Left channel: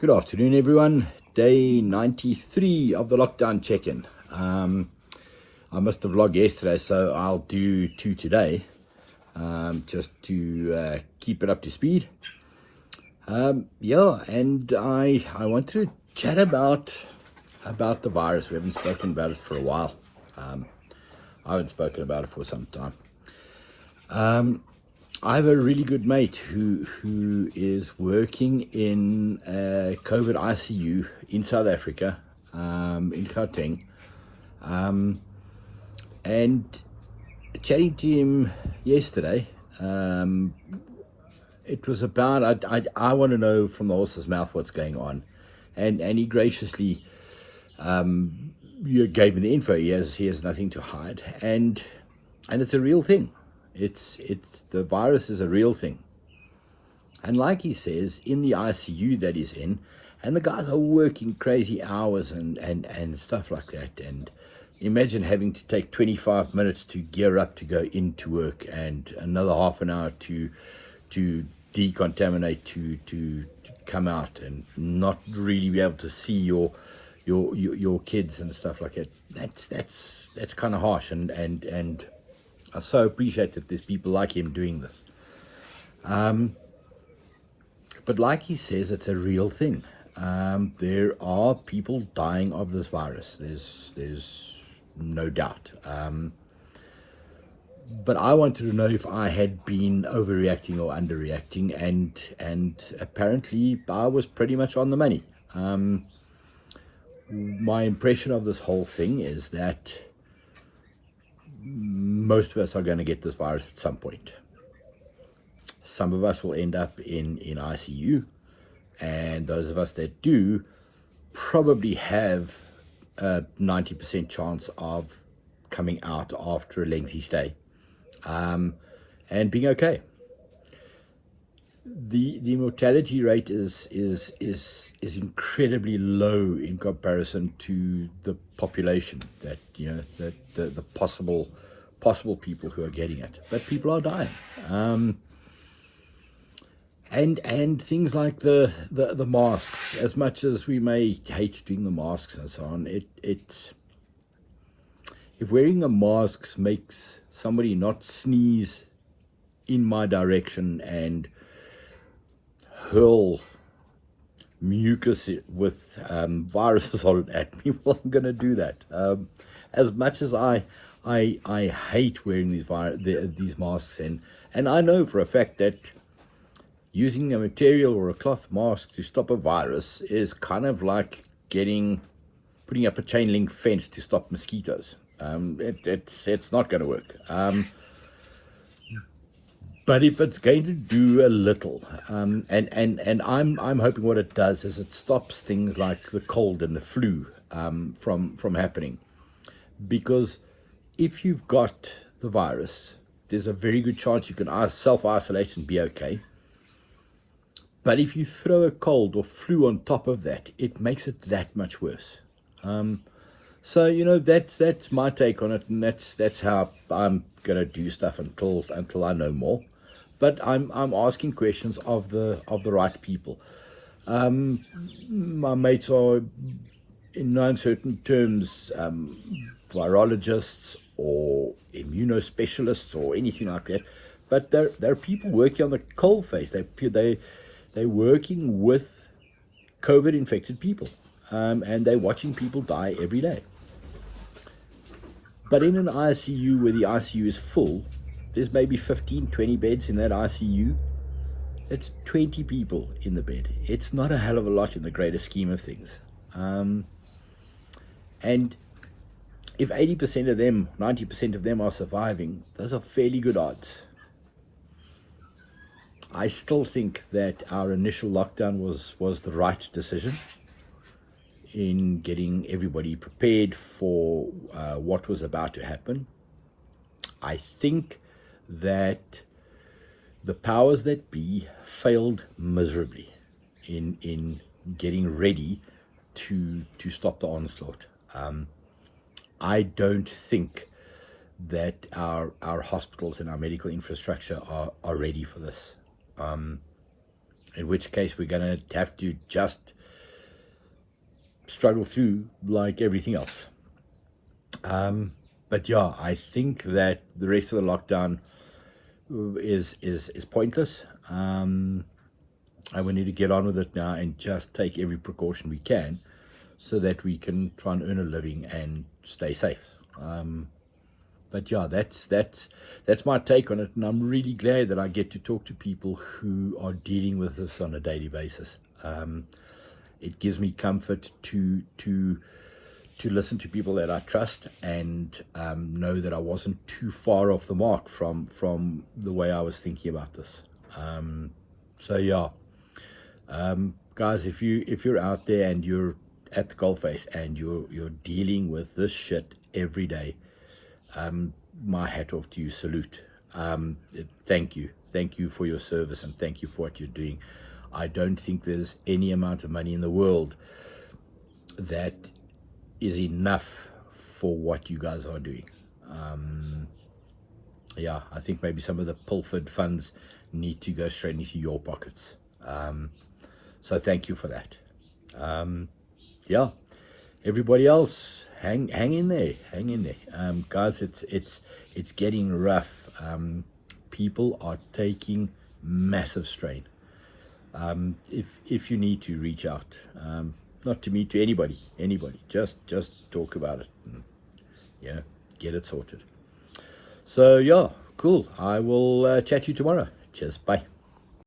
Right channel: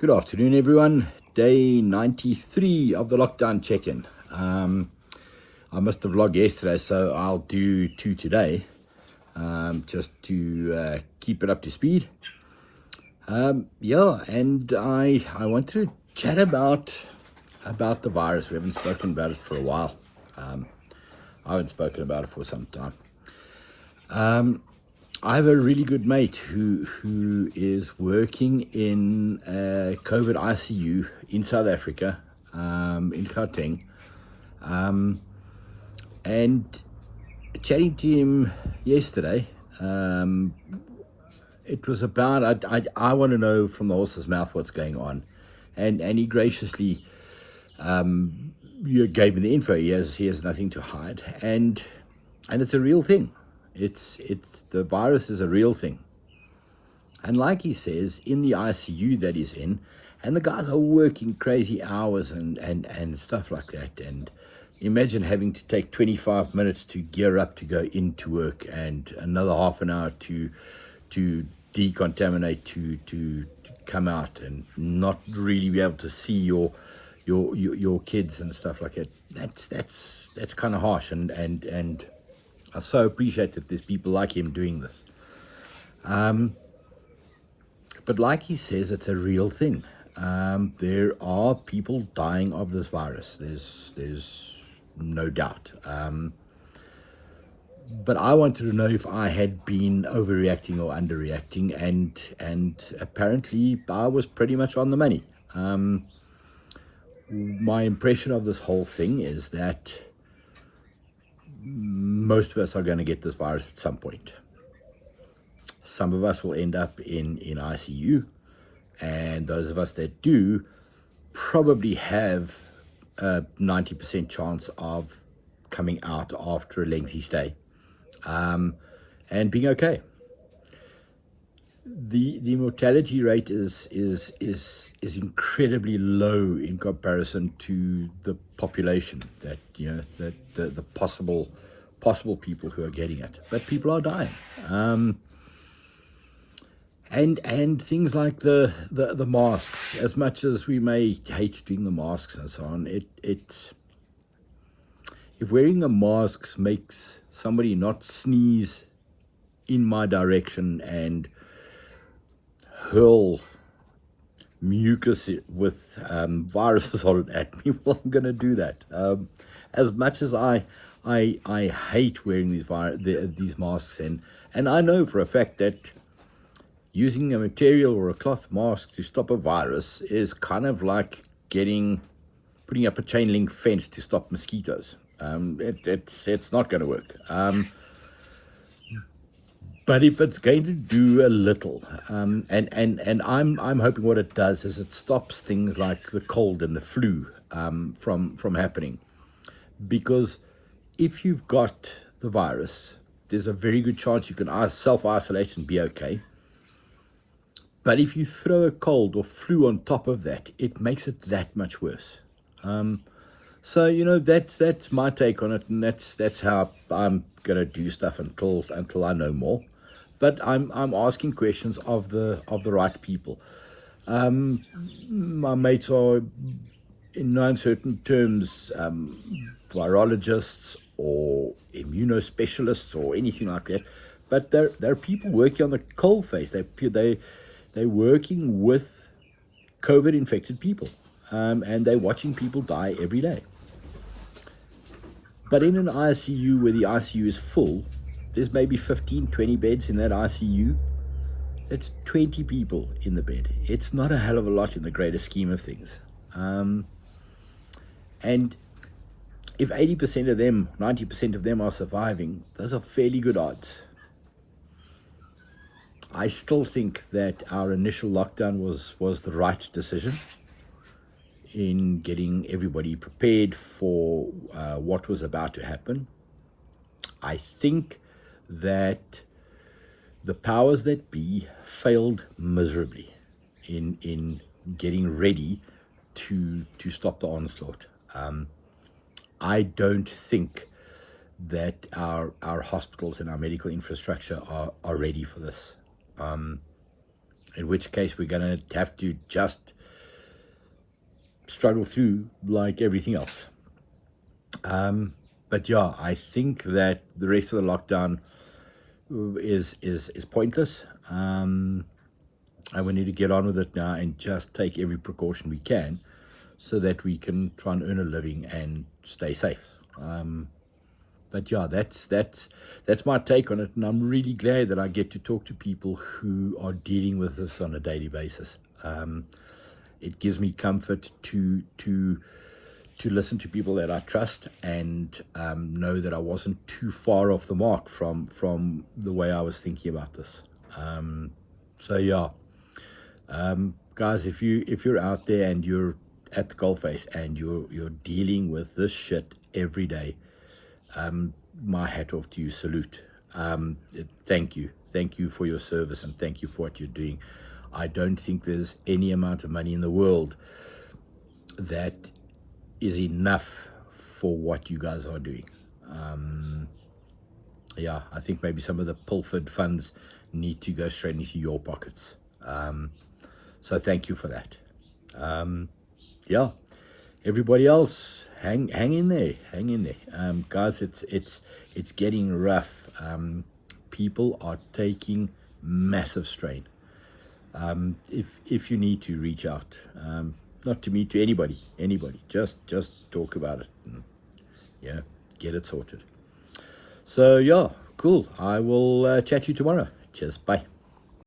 Good afternoon, everyone. Day 93 of the lockdown check-in. I missed the vlog yesterday, so I'll do two today, just to keep it up to speed. Yeah, and I want to chat about the virus. We haven't spoken about it for a while. I haven't spoken about it for some time. I have a really good mate who is working in a COVID ICU in South Africa, in Gauteng, and chatting to him yesterday, it was about, I want to know from the horse's mouth what's going on, and he graciously gave me the info. He has nothing to hide, and it's a real thing. It's the virus is a real thing, and like he says, in the ICU that he's in, and the guys are working crazy hours and stuff like that. And imagine having to take 25 minutes to gear up to go into work, and another half an hour to decontaminate, to come out, and not really be able to see your kids and stuff like that. That's kind of harsh, and I so appreciate that there's people like him doing this. But like he says, it's a real thing. There are people dying of this virus. There's no doubt. But I wanted to know if I had been overreacting or underreacting, and apparently I was pretty much on the money. My impression of this whole thing is that most of us are going to get this virus at some point. Some of us will end up in ICU, and those of us that do probably have a 90% chance of coming out after a lengthy stay, and being okay. The mortality rate is incredibly low in comparison to the population, that the possible people who are getting it, but people are dying. And things like the masks, as much as we may hate doing the masks and so on, it's if wearing the masks makes somebody not sneeze in my direction and hurl mucus with viruses on it at me, well, I'm going to do that. As much as I hate wearing these masks, and I know for a fact that using a material or a cloth mask to stop a virus is kind of like putting up a chain link fence to stop mosquitoes. It's not going to work. But if it's going to do a little, and I'm hoping what it does is it stops things like the cold and the flu from happening. Because if you've got the virus, there's a very good chance you can self-isolate and be okay. But if you throw a cold or flu on top of that, it makes it that much worse. So that's my take on it, and that's how I'm gonna do stuff until I know more. But I'm asking questions of the right people. My mates are, in no uncertain terms, virologists or immunospecialists or anything like that. But they're people working on the cold face. They're working with COVID infected people, and they're watching people die every day. But in an ICU where the ICU is full, there's maybe 15, 20 beds in that ICU. It's 20 people in the bed. It's not a hell of a lot in the greater scheme of things. And if 80% of them, 90% of them are surviving, those are fairly good odds. I still think that our initial lockdown was the right decision in getting everybody prepared for what was about to happen. I think that the powers that be failed miserably in getting ready to stop the onslaught. I don't think that our hospitals and our medical infrastructure are ready for this. In which case we're going to have to just struggle through like everything else. But yeah, I think that the rest of the lockdown is pointless. And we need to get on with it now and just take every precaution we can so that we can try and earn a living and stay safe. But yeah, that's my take on it, and I'm really glad that I get to talk to people who are dealing with this on a daily basis. It gives me comfort to listen to people that I trust and know that I wasn't too far off the mark from the way I was thinking about this. So yeah, guys, if you're out there and you're at the coalface and you're dealing with this shit every day, my hat off to you, salute. Thank you for your service, and thank you for what you're doing. I don't think there's any amount of money in the world that is enough for what you guys are doing. Yeah, I think maybe some of the pilfered funds need to go straight into your pockets. So thank you for that. Yeah, everybody else, hang in there, guys. It's getting rough. People are taking massive strain. If you need to reach out, not to me, to anybody, just talk about it. Yeah, get it sorted. So yeah, cool. I will chat to you tomorrow. Cheers. Bye.